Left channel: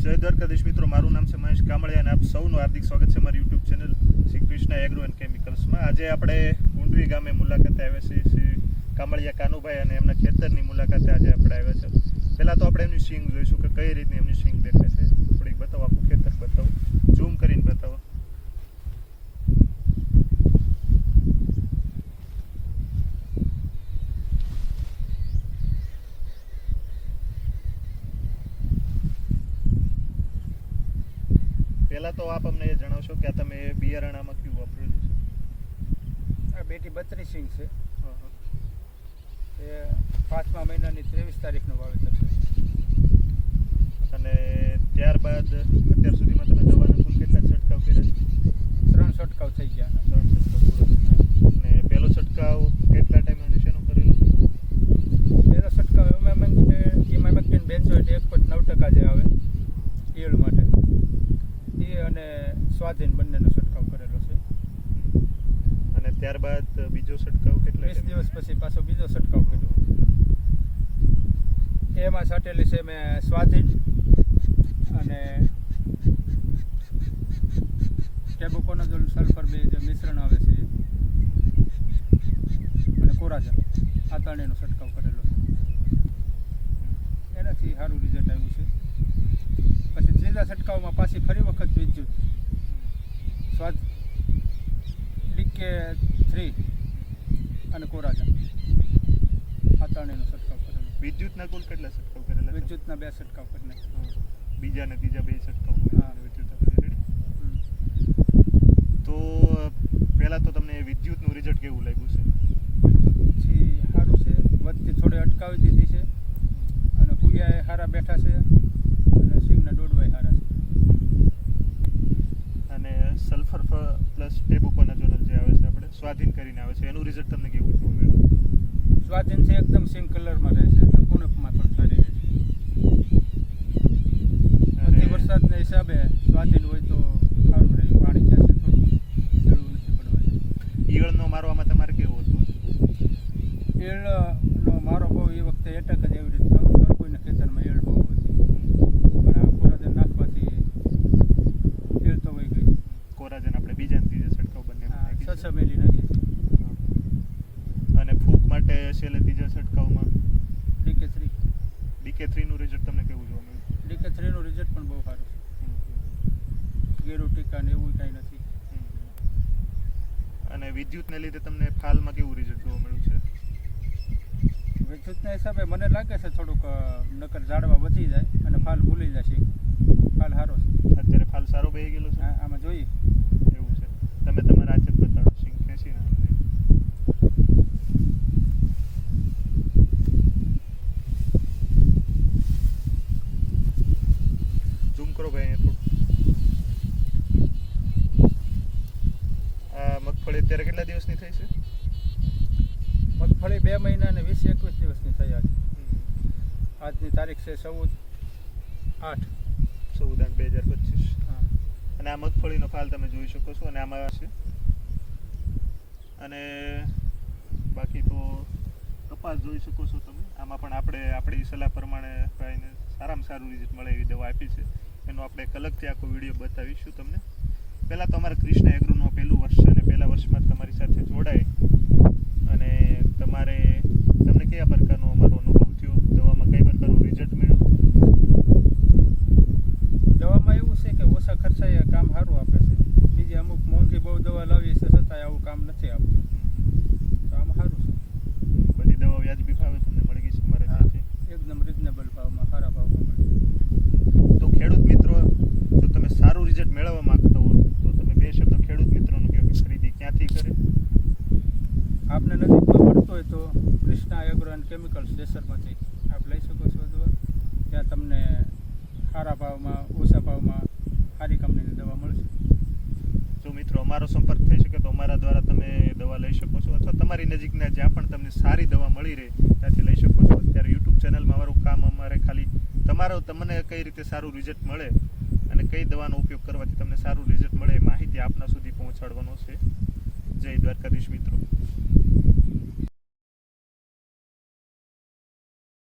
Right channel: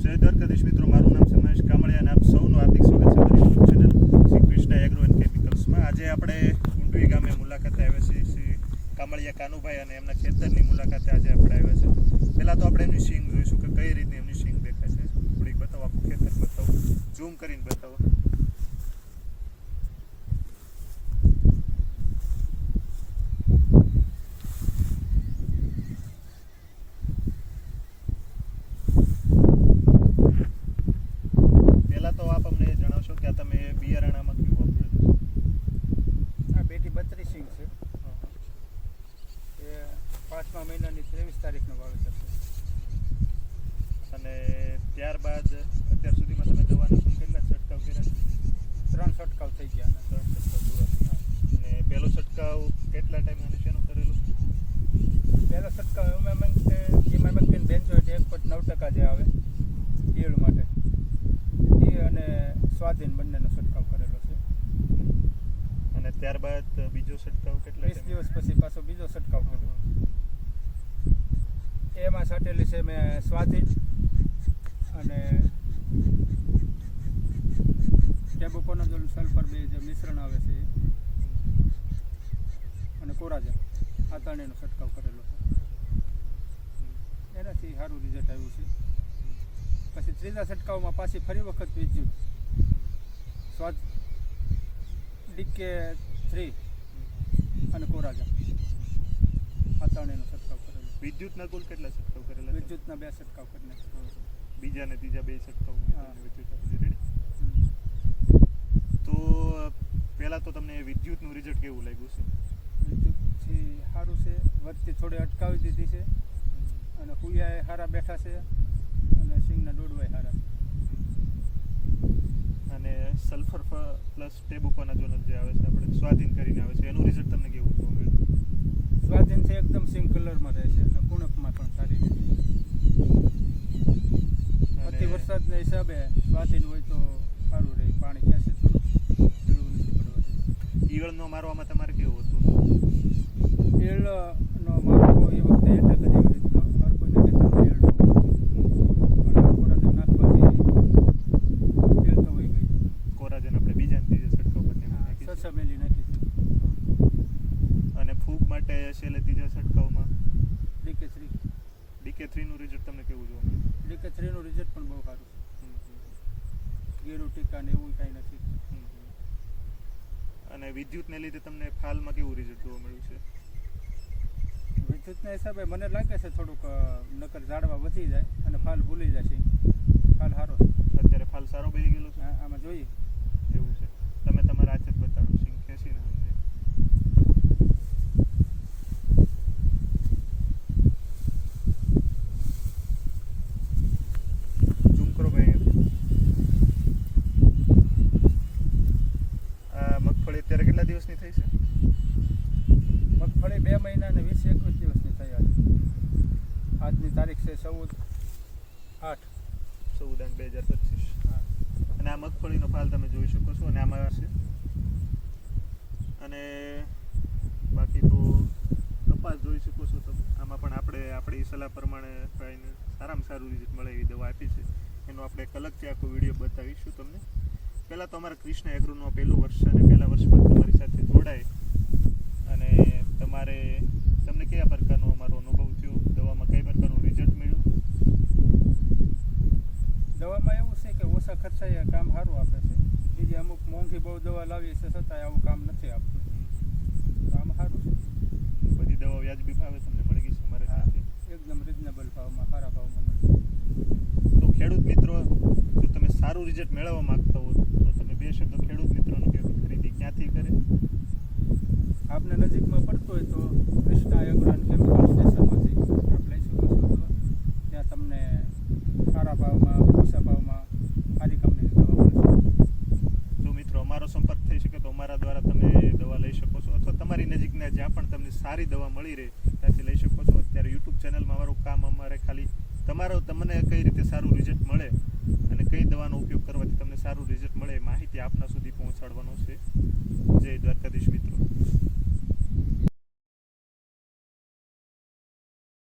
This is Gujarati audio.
જય દ્વારકાધીશ મિત્રો, મારું નામ છે મહેશ કામળિયા અને આપ સૌનું હાર્દિક સ્વાગત છે મારી YouTube channel Shri Krishna agro and કેમિકલ્સમાં આજે આપણે ઊંડવી ગામે મુલાકાતે આવ્યા છીએ શ્રી કામળિયા કાનુભાઈ અને એમના ખેતરની મુલાકાતે આજે આપણે આવ્યા છે. પહેલાં તો આપણે એમની સિંગ જોઈશું કે કઈ રીતની એમની સિંગ દેખાય છે. થોડીક બતાવો, આખું ખેતર બતાવું. ઝૂમ કરીને બતાવો પહેલાં તો આપ અમને એ જણાવશો કે આ તમે બિયારણામાં કયું વાપરેલું આ બેટી બત્રીસ સિંગ છે. છે. એ પાંચમા મહિનાની ત્રેવીસ તારીખનું વાવેતર છે. અને ત્યારબાદ અત્યાર સુધીમાં તમે દવાના કુલ કેટલા છંટકાવ કર્યા છે? ત્રણ છંટકાવ થઈ ગયા ત્રણ છંટકાવ પૂરા અને પહેલો છંટકાવ કેટલા ટાઈમ અને શેનો કરેલો? પહેલો છંટકાવ એમાં ઇમામેક્ટિન બેન્ઝોઇટ એક પોઈન્ટ નવ ટકા જે આવે ઈયળ માટે. અને સ્વાધીન બંનેનો છંટકાવ કરેલો છે. અને ત્યારબાદ બીજો છંટકાવ કેટલા વીસ દિવસ પછી પાછો બીજો છંટકાવ કર્યો. એમાં છાંટેલી છે મેં સ્વાધીન અને ટેબુકોનાઝોલ સલ્ફર બે જે મિશ્રણ આવે છે અને કોરાજા આ ત્રણેયનો છંટકાવ કરેલો છે. એનાથી સારું રિઝલ્ટ આવ્યું છે. પછી ત્રીજા છંટકાવમાં પાછી ફરી વખત વિદ્યુત સ્વાદ ડીકે થ્રી અને કોરાજા. આ ત્રણેયનો છંટકાવ કરેલો. વિદ્યુતના કુલ કેટલા છંટકાવ કરેલા વિદ્યુતના બે છંટકાવ કરીને. બીજા ને ત્રીજા બે છંટકાવ હા. વિદ્યુત તો પહેલાં તો તમને વિદ્યુતનું રિઝલ્ટ કેવું લાગ્યું છે? વિદ્યુતથી સારું છે. વચ્ચે થોડે અટકાવી દીધી છે. અને હુયાએ સારા બેઠા છે અને સિંગના દોડવાય સારા છે અને સલ્ફર પ્લસ ટેબુકોનાઝોલ જે આવે છે આપણે સ્વાધીન કરીને આવે છે. એનું રિઝલ્ટ તમને કેવું જોવા મળ્યું? છે એકદમ સેમ કલરમાં રહે છે અને કુણપમાં પણ સારી રહે છે. અતિ વરસાદના હિસાબે સ્વાધીન હોય તો સારું રહે પાણી ખેંચે થોડું જરૂર નથી પડવા. ઈયળનો મારવામાં તમારે કેવું હતું? એળનો મારો એ વખતે એટક જ એવી રીતનો હર કોઈને ખેતરમાં એળ બહુ હતી પણ આ કોરાજન નાખવાથી એળ તો વહી ગઈ કોરાજન આપણે બીજા ને ત્રીજા છંટકાવ બંને હા, નાખી છે. છ છ મેલી નાખી અને માટે છેલ્લે ત્રીજા છંટકાવમાં. DK three. ડીકે થ્રીનું રિઝલ્ટ તમને કેવું જોવા મળ્યું? ડીકે થ્રીનું રિઝલ્ટ પણ બહુ સારું. છે ગેરુ ટીકા ને એવું કાંઈ નથી. અને વિદ્યુતને લીધે તમને ફાલમાં કેવું રિઝલ્ટ જોવા મળ્યું છે? વિદ્યુતના હિસાબે મને લાગે છે થોડુંક નકર ઝાડવા વધી જાય અને ફાલ ભૂલી જશે. ફાલ સારો છે. અત્યારે ફાલ સારો બેહી ગયેલો છે? આમાં જોઈએ. એવું છે. તમે તમારા હાથે જ બતાડો સિંગ ખેંચીને અમને ઝૂમ કરો ભાઈ આ મગફળી અત્યારે કેટલા દિવસની થઈ છે? મગફળી બે મહિના ને વીસ એકવીસ દિવસની થઈ આજે. આજની તારીખ છે ચૌદ આઠ. ચૌદ આઠ બે હજાર પચીસ. હા. અને આ મગફળીનો ફાલ તમે જોઈ શકો છો અને આમાં છે. અને બાકી તો કપાસ જોઈ શકો છો તમે. આમાં પણ આપણે આપણી સલાહ પ્રમાણે ભાઈને સારામાં સારું રિઝલ્ટ મળે એવી દવા આપી છે. એનો આપણે એક અલગથી આખો વીડિયો બતાવીશું તમને. પહેલાં તો અમારા કૃષ્ણ એગ્રોનું પહેલું વર્ષ અને પહેલા વર્ષમાં તમારી સાથે જોડાય. અને તમારે તમને કયા પ્રકારનો અમારો અનુભવ થયો? દવામાં કઈ પ્રકારનું રિઝલ્ટ મળ્યું? દવામાં એવું છે કે ઓછા ખર્ચાએ કામ સારું આપે છે. બીજી અમુક મોંઘી બહુ દવા લાવીએ છે છતાંય આવું કામ નથી આપતું. કામ સારું છે. બધી દવા વ્યાજબી ભાવે તમને મળી ગઈ છે અમારે હા, ત્યાંથી એકદમ રિઝનેબલ ભાવમાં સારા ભાવમાં મળે તો ખેડૂત મિત્રો જો તમે રિઝલ્ટ મેળવવા માંગતા હો તો તમે બે શબ્દો ખેડૂત મિત્રોનો કહો કે ખરીદી ક્યાંથી કરે? આપને નજીકમાં પડતો હોય તો કૃષ્ણા એગ્રો એન્ડ કેમિકલ સ્ટેશનમાંથી આપ લઈ શકો છો દવા. ત્યાં તમને સારા ભાવમાં ઓછા ભાવમાં સારી કંપનીની દવા મળશે. જો મિત્રો અમારો સંપર્ક થઈ શકે તો અમારા દ્વારા તમે દવા લઈ શકો છો અથવા તમારી નજીકના જ્યાં પણ તમને સારી દવા મળી રહે ત્યાંથી લઈ શકો છો. અત્યારે યુટ્યુબ ચેનલમાં અમારું કામ અમારે ખાલી તમારો તમને કઈ રીતે સારું રિઝલ્ટ મળે અને કઈ દવાનો ઉપયોગ કરવાથી તમને સારું રિઝલ્ટ મળે એ માહિતી આપના સુધી પહોંચાડવાનો છે. જય દ્વારકાધીશ મિત્રો.